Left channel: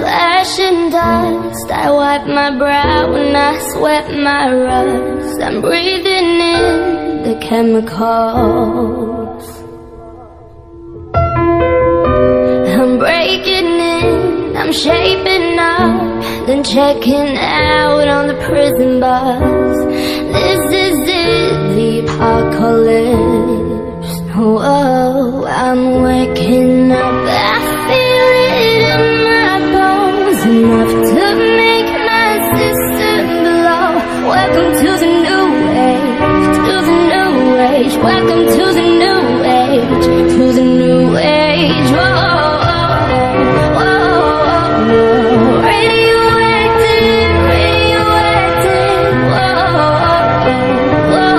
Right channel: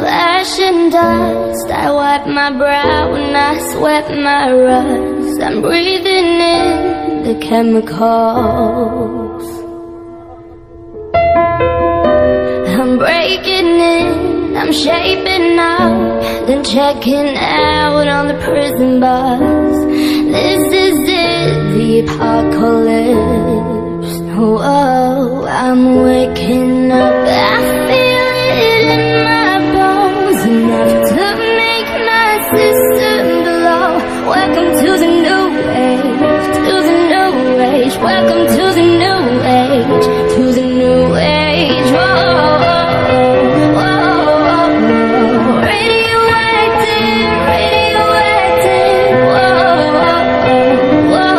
flesh and dust. I wipe my brow and I sweat my rust. I'm breathing in the chemicals. I'm breaking in, I'm shaping up, then checking out on the prison bus. This is it, the apocalypse. Whoa, I'm waking up, I feel it in my bones, enough to make my system blow. Welcome to the new age, to the new age. Welcome to the new age, to the new age. Whoa, whoa, whoa. Radioactive, radioactive. Whoa, whoa,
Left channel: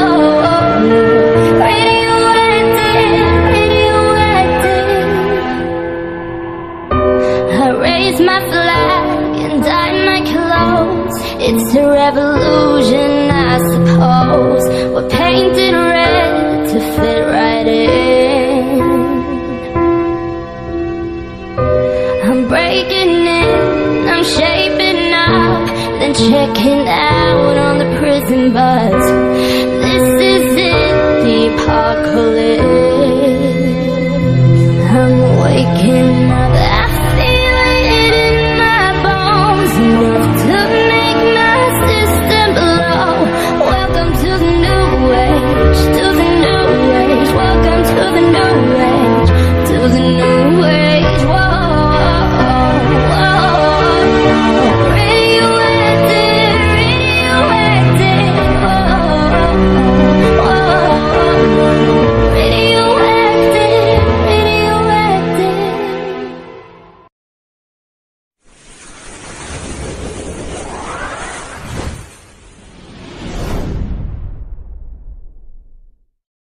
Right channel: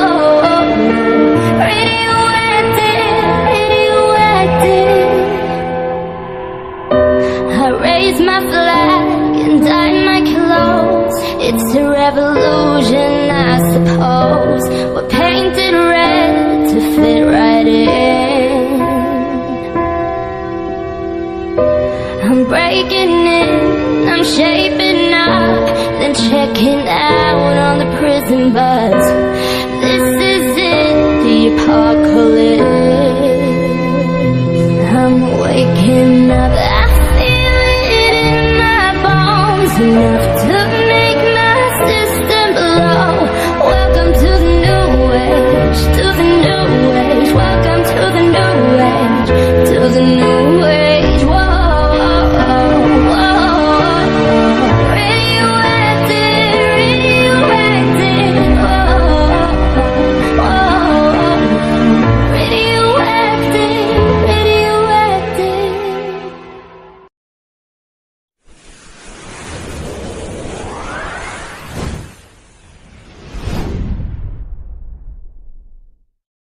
radioactive, radioactive. I raise my flag and dye my clothes. It's a revolution, I suppose. We're painted red to fit right in. I'm breaking in, I'm shaping up, then checking out on the prison bus. This is it, the apocalypse. I'm waking up, I feel it in my bones, enough to make my system blow. Welcome to the new age, to the new age. Welcome to the new age, to the new